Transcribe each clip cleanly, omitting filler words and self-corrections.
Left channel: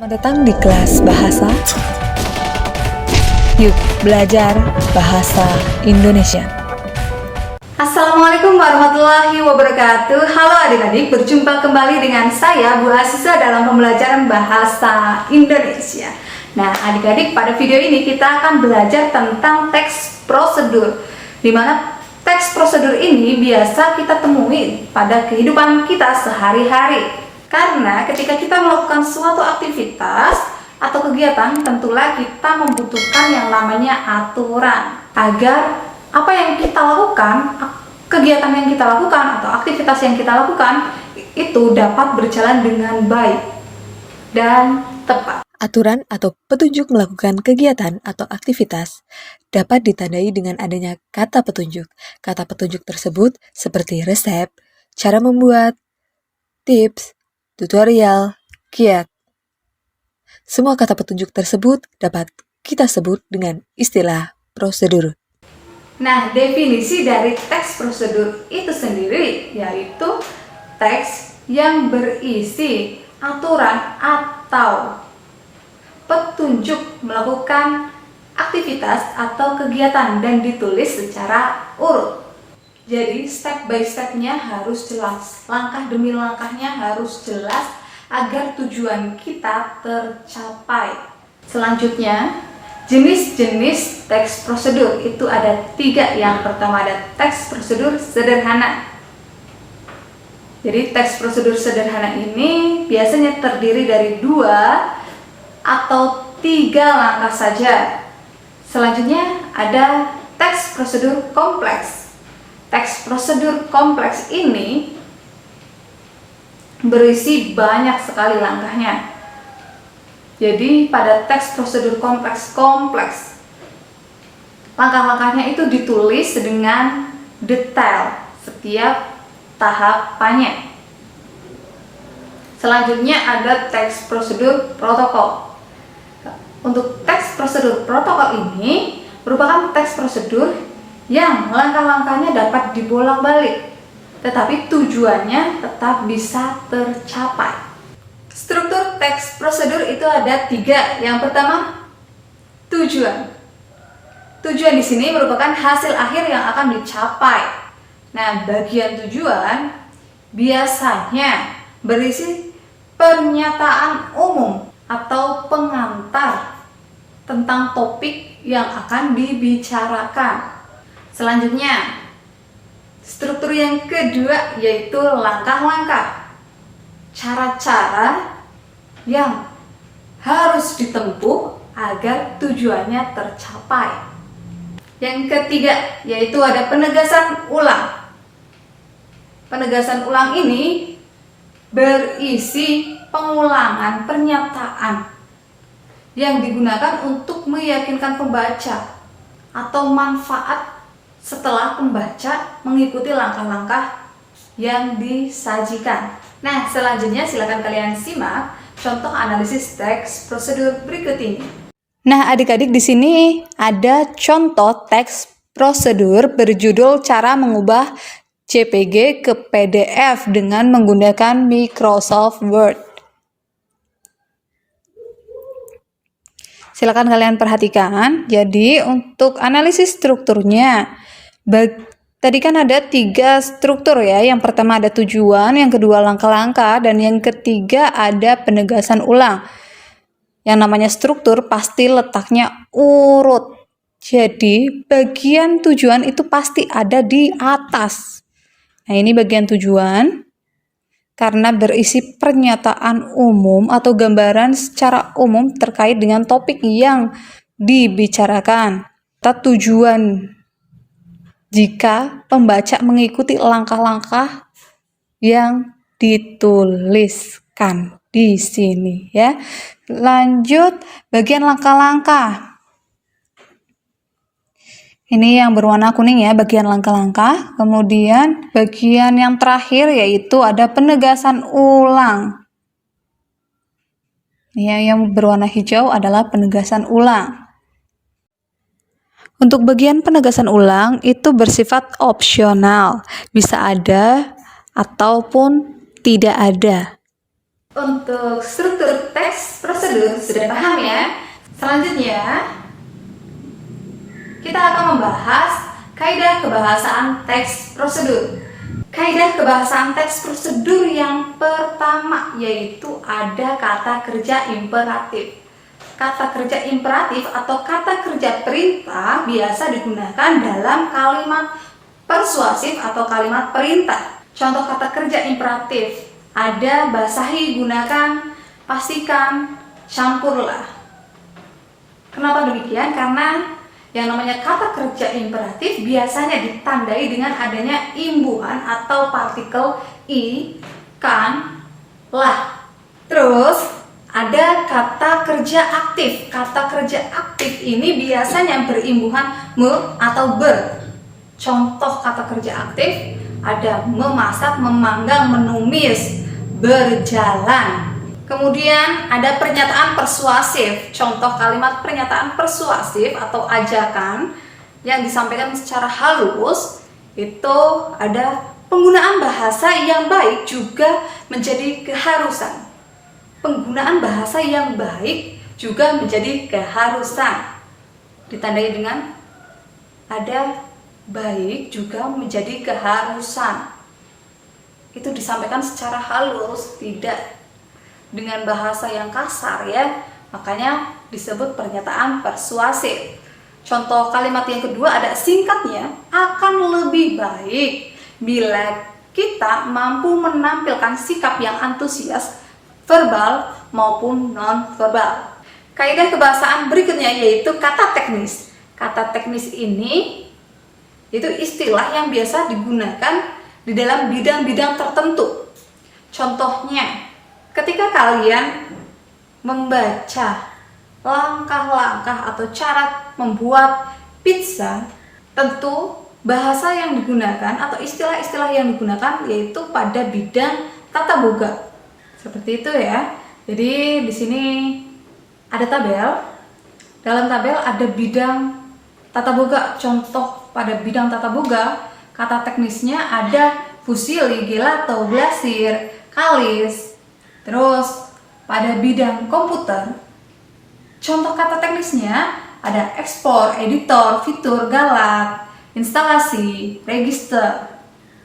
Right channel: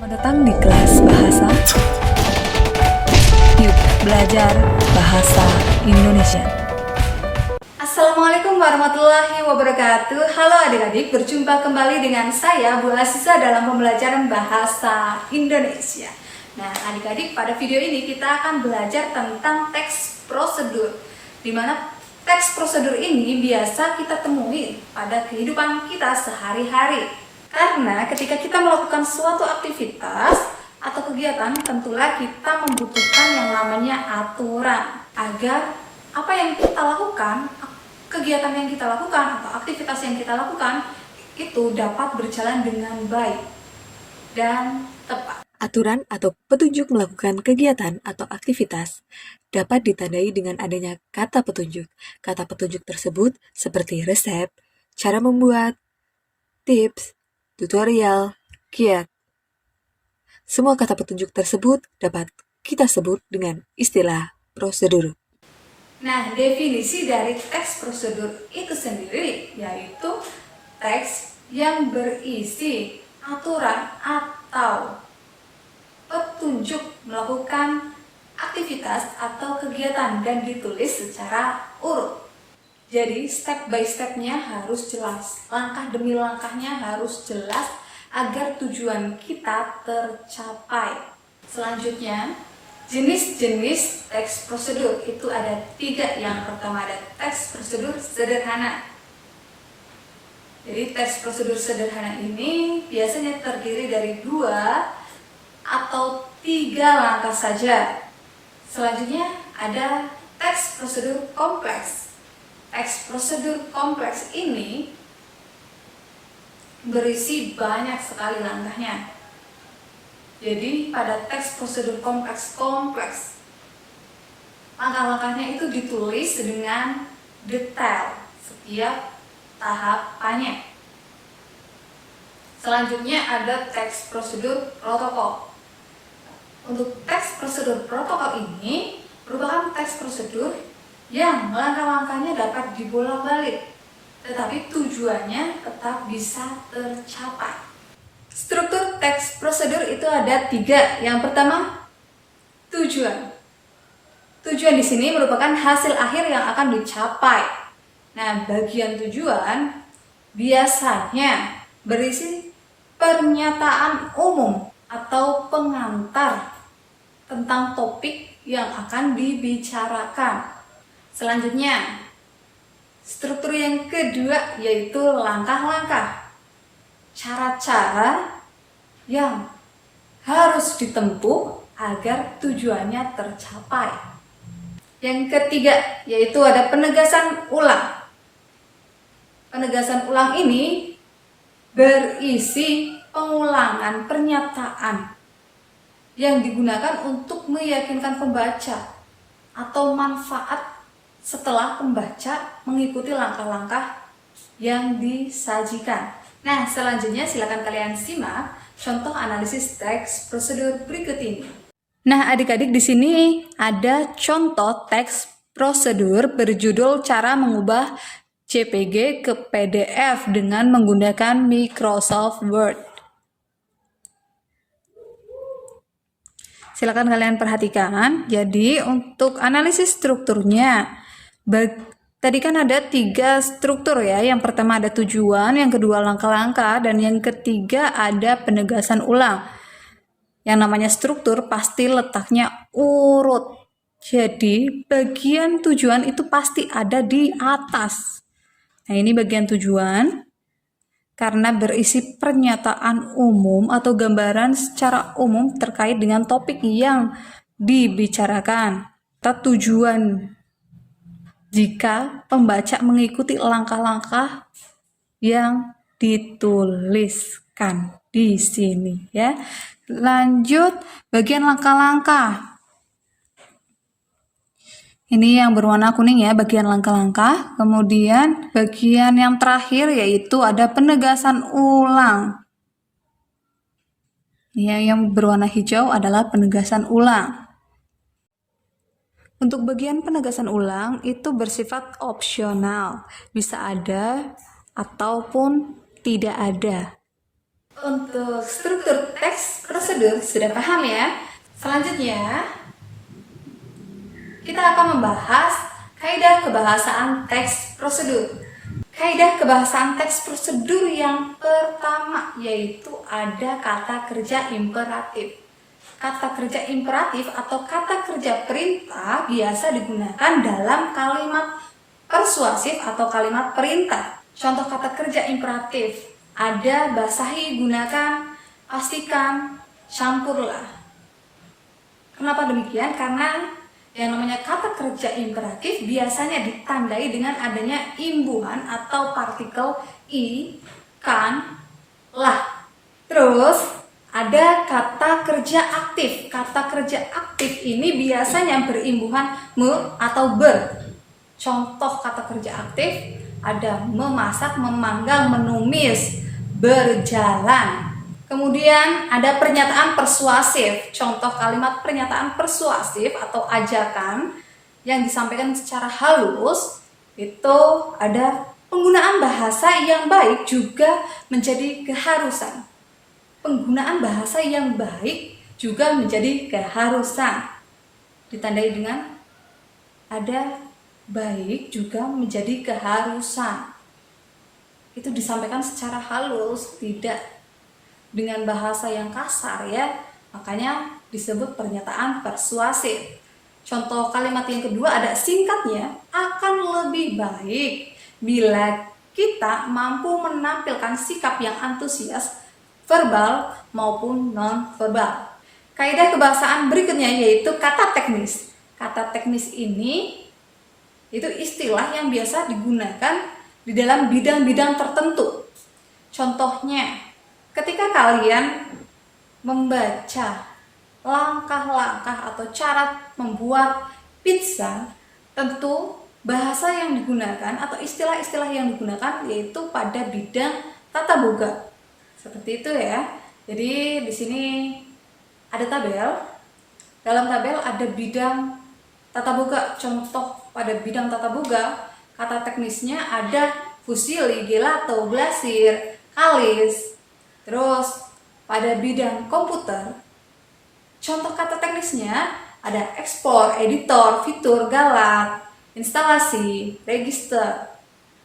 Selamat datang di kelas bahasa. Yuk belajar bahasa Indonesia. Assalamualaikum warahmatullahi wabarakatuh. Halo adik-adik, berjumpa kembali dengan saya Bu Asisa dalam pembelajaran bahasa Indonesia. Nah adik-adik, pada video ini kita akan belajar tentang teks prosedur, di mana teks prosedur ini biasa kita temui pada kehidupan kita sehari-hari. Karena ketika kita melakukan suatu aktivitas atau kegiatan, tentulah kita membutuhkan yang namanya aturan agar apa yang kita lakukan, kegiatan yang kita lakukan atau aktivitas yang kita lakukan itu dapat berjalan dengan baik dan tepat. Aturan atau petunjuk melakukan kegiatan atau aktivitas dapat ditandai dengan adanya kata petunjuk. Kata petunjuk tersebut seperti resep, cara membuat, tips, tutorial, kiat. Semua kata petunjuk tersebut dapat kita sebut dengan istilah prosedur. Nah, definisi dari teks prosedur itu sendiri yaitu teks yang berisi aturan atau petunjuk melakukan aktivitas atau kegiatan dan ditulis secara urut. Jadi step by stepnya harus jelas, langkah demi langkahnya harus jelas agar tujuan kita tercapai. Selanjutnya, jenis-jenis teks prosedur itu ada 3. Yang pertama ada teks prosedur sederhana. Jadi teks prosedur sederhana ini biasanya terdiri dari 2 atau 3 langkah saja. Selanjutnya ada teks prosedur kompleks. Teks prosedur kompleks ini berisi banyak sekali langkahnya. Jadi pada teks prosedur kompleks langkah-langkahnya itu ditulis dengan detail setiap tahapannya. Selanjutnya ada teks prosedur protokol. Untuk teks prosedur protokol ini merupakan teks prosedur yang langkah-langkahnya dapat dibolak-balik, tetapi tujuannya tetap bisa tercapai. Struktur teks prosedur itu ada 3. Yang pertama, tujuan. Tujuan di sini merupakan hasil akhir yang akan dicapai. Nah, bagian tujuan biasanya berisi pernyataan umum atau pengantar tentang topik yang akan dibicarakan. Selanjutnya, struktur yang kedua yaitu langkah-langkah, cara-cara yang harus ditempuh agar tujuannya tercapai. Yang ketiga yaitu ada penegasan ulang. Penegasan ulang ini berisi pengulangan pernyataan yang digunakan untuk meyakinkan pembaca atau manfaat setelah pembaca mengikuti langkah-langkah yang disajikan. Nah, selanjutnya silakan kalian simak contoh analisis teks prosedur berikut ini. Nah, adik-adik, di sini ada contoh teks prosedur berjudul cara mengubah JPG ke PDF dengan menggunakan Microsoft Word. Silakan kalian perhatikan. Jadi untuk analisis strukturnya, tadi kan ada 3 struktur ya. Yang pertama ada tujuan, yang kedua langkah-langkah, dan yang ketiga ada penegasan ulang. Yang namanya struktur pasti letaknya urut. Jadi bagian tujuan itu pasti ada di atas. Nah, ini bagian tujuan. Karena berisi pernyataan umum atau gambaran secara umum terkait dengan topik yang dibicarakan. Tujuan jika pembaca mengikuti langkah-langkah yang dituliskan di sini ya. Lanjut bagian langkah-langkah. Ini yang berwarna kuning ya, bagian langkah-langkah. Kemudian bagian yang terakhir yaitu ada penegasan ulang. Ya, yang berwarna hijau adalah penegasan ulang. Untuk bagian penegasan ulang itu bersifat opsional, bisa ada ataupun tidak ada. Untuk struktur teks prosedur prosedur. Sudah paham ya? Selanjutnya, kita akan membahas kaidah kebahasaan teks prosedur. Kaidah kebahasaan teks prosedur yang pertama yaitu ada kata kerja imperatif. Kata kerja imperatif atau kata kerja perintah biasa digunakan dalam kalimat persuasif atau kalimat perintah. Contoh kata kerja imperatif ada basahi, gunakan, pastikan, campurlah. Kenapa demikian? Karena yang namanya kata kerja imperatif biasanya ditandai dengan adanya imbuhan atau partikel i, kan, lah. Terus ada kata kerja aktif. Kata kerja aktif ini biasanya berimbuhan me atau ber. Contoh kata kerja aktif ada memasak, memanggang, menumis, berjalan. Kemudian ada pernyataan persuasif. Contoh kalimat pernyataan persuasif atau ajakan yang disampaikan secara halus itu ada penggunaan bahasa yang baik juga menjadi keharusan. Penggunaan bahasa yang baik juga menjadi keharusan. Ditandai dengan ada baik juga menjadi keharusan. Itu disampaikan secara halus, tidak dengan bahasa yang kasar ya. Makanya disebut pernyataan persuasif. Contoh kalimat yang kedua ada singkatnya, akan lebih baik bila kita mampu menampilkan sikap yang antusias verbal maupun non-verbal. Kaidah kebahasaan berikutnya yaitu kata teknis. Kata teknis ini itu istilah yang biasa digunakan di dalam bidang-bidang tertentu. Contohnya, ketika kalian membaca langkah-langkah atau cara membuat pizza, tentu bahasa yang digunakan atau istilah-istilah yang digunakan yaitu pada bidang tata boga. Seperti itu ya. Jadi di sini ada tabel. Dalam tabel ada bidang tata boga. Contoh pada bidang tata boga, kata teknisnya ada fusili, gelato, glasir, kalis. Terus pada bidang komputer, contoh kata teknisnya ada ekspor, editor, fitur, galat, instalasi, register.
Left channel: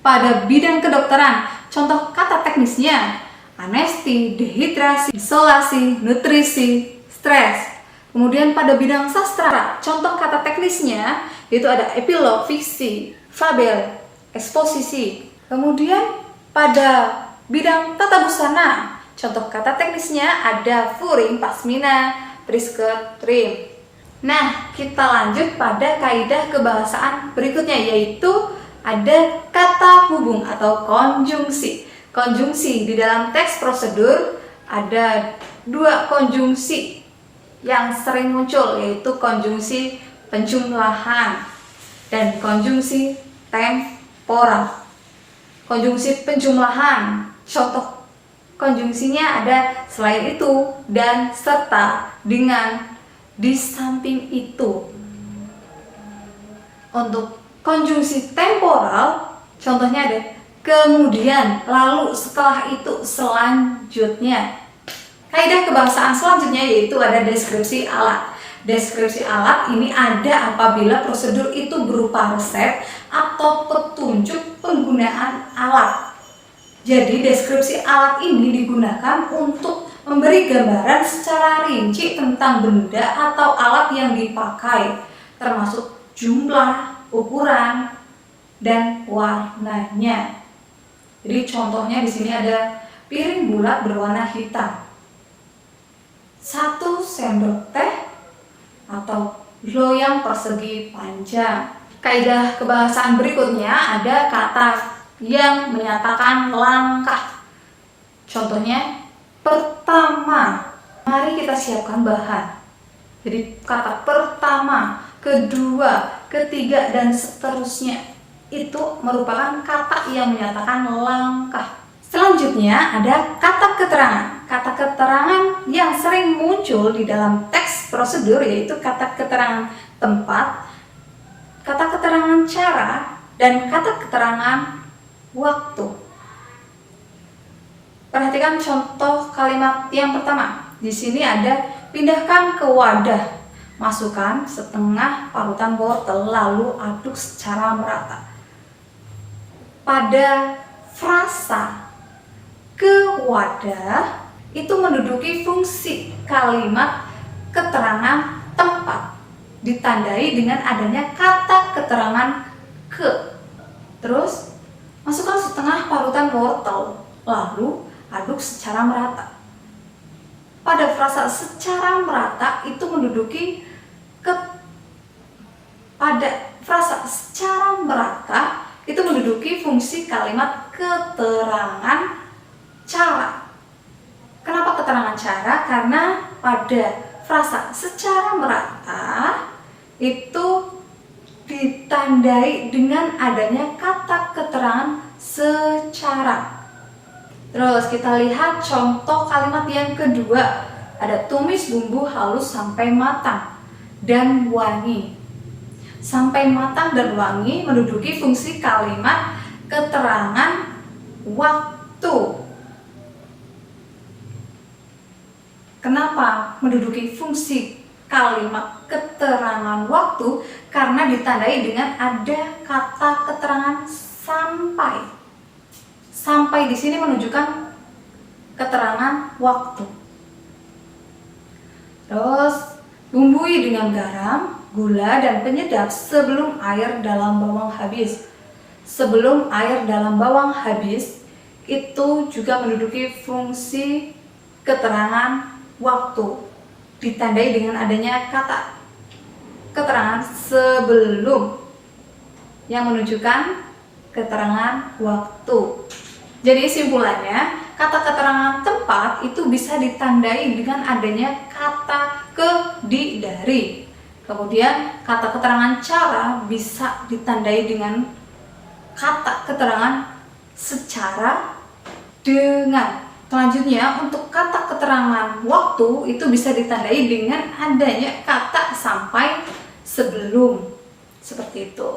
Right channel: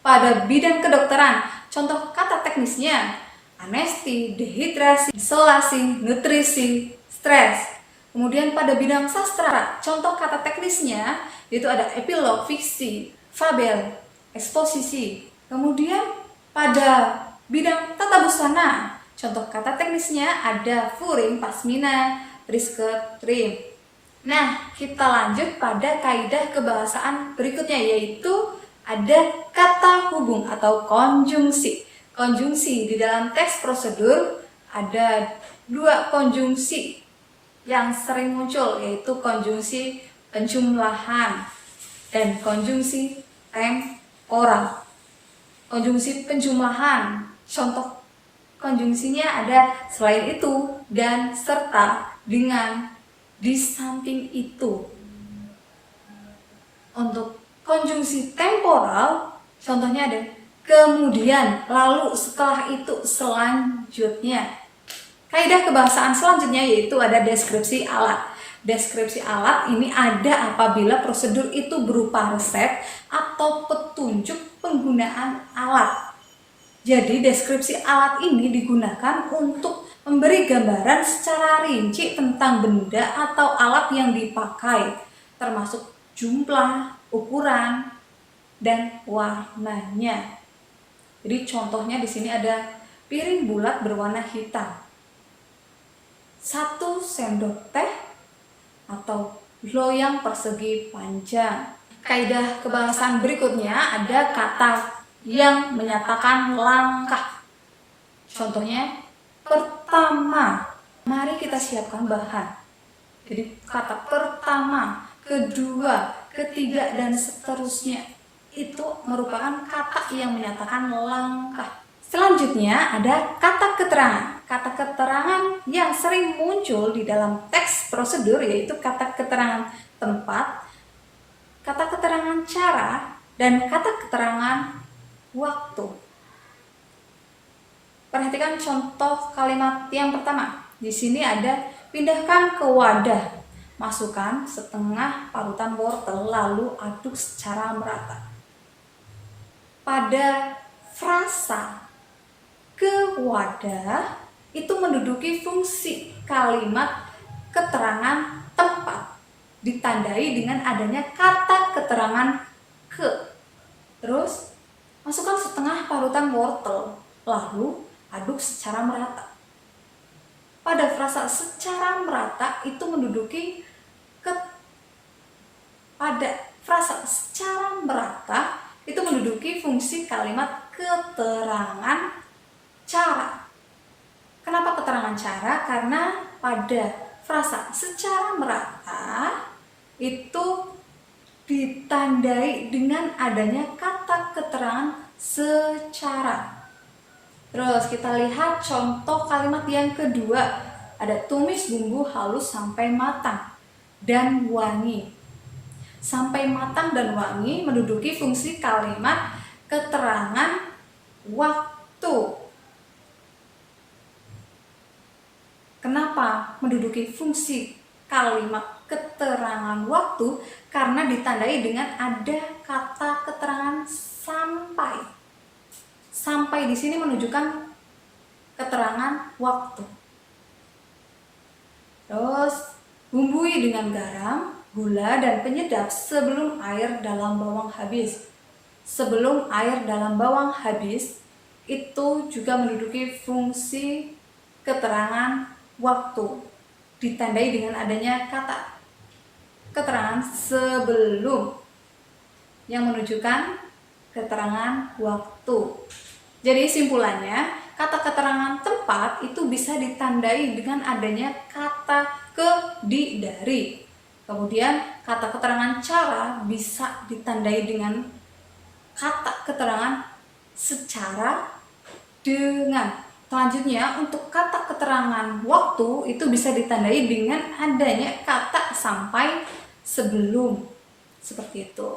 Pada bidang kedokteran, contoh kata teknisnya anesti, dehidrasi, isolasi, nutrisi, stres. Kemudian pada bidang sastra, contoh kata teknisnya yaitu ada epilog, fiksi, fabel, eksposisi. Kemudian pada bidang tata busana, contoh kata teknisnya ada furing, pasmina, prisker, trim. Nah, kita lanjut pada kaidah kebahasaan berikutnya yaitu ada kata hubung atau konjungsi. Konjungsi di dalam teks prosedur ada dua konjungsi yang sering muncul yaitu konjungsi penjumlahan dan konjungsi temporal. Konjungsi penjumlahan, contoh konjungsinya ada selain itu, dan, serta, dengan, di samping itu. Untuk konjungsi temporal, contohnya ada kemudian, lalu, setelah itu, selanjutnya. Kaidah kebahasaan selanjutnya yaitu ada deskripsi alat. Deskripsi alat ini ada apabila prosedur itu berupa resep atau petunjuk penggunaan alat. Jadi deskripsi alat ini digunakan untuk memberi gambaran secara rinci tentang benda atau alat yang dipakai, termasuk jumlah, ukuran, dan warnanya. Jadi contohnya di sini ada piring bulat berwarna hitam, 1 sendok teh atau loyang persegi panjang. Kaidah kebahasaan berikutnya ada kata yang menyatakan langkah. Contohnya pertama, mari kita siapkan bahan. Jadi kata pertama, kedua, ketiga, dan seterusnya itu merupakan kata yang menyatakan langkah. Selanjutnya ada kata keterangan. Kata keterangan yang sering muncul di dalam teks prosedur yaitu kata keterangan tempat, kata keterangan cara, dan kata keterangan waktu. Perhatikan contoh kalimat yang pertama. Di sini ada pindahkan ke wadah. Masukkan setengah parutan wortel lalu aduk secara merata. Pada frasa ke wadah itu menduduki fungsi kalimat keterangan tempat, ditandai dengan adanya kata keterangan ke. Terus masukkan setengah parutan wortel lalu aduk secara merata. Pada frasa secara merata itu menduduki fungsi kalimat keterangan cara. Kenapa keterangan cara? Karena pada frasa secara merata itu ditandai dengan adanya kata keterangan secara. Terus kita lihat contoh kalimat yang kedua. Ada tumis bumbu halus sampai matang dan wangi. Sampai matang dan wangi menduduki fungsi kalimat keterangan waktu. Kenapa menduduki fungsi kalimat keterangan waktu? Karena ditandai dengan ada kata keterangan sampai. Sampai di sini menunjukkan keterangan waktu. Terus bumbui dengan garam, gula, dan penyedap sebelum air dalam bawang habis. Sebelum air dalam bawang habis itu juga menduduki fungsi keterangan waktu, ditandai dengan adanya kata keterangan sebelum yang menunjukkan keterangan waktu. Jadi simpulannya, kata keterangan tempat itu bisa ditandai dengan adanya kata ke, di, dari. Kemudian kata keterangan cara bisa ditandai dengan kata keterangan secara, dengan. Selanjutnya untuk kata keterangan waktu itu bisa ditandai dengan adanya kata sampai, sebelum. Seperti itu.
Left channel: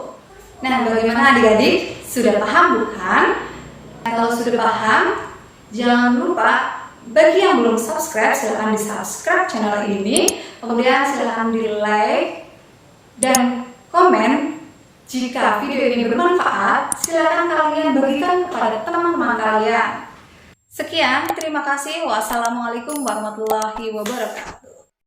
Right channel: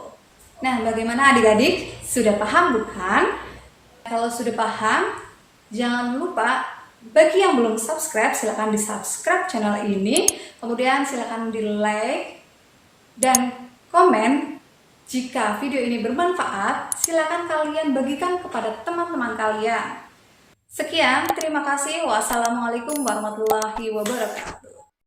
Nah, bagaimana adik-adik? Sudah paham bukan? Kalau sudah paham, jangan lupa bagi yang belum subscribe, silahkan di subscribe channel ini. Kemudian silahkan di like dan komen. Jika video ini bermanfaat, silahkan kalian bagikan kepada teman-teman kalian. Sekian, terima kasih. Wassalamualaikum warahmatullahi wabarakatuh.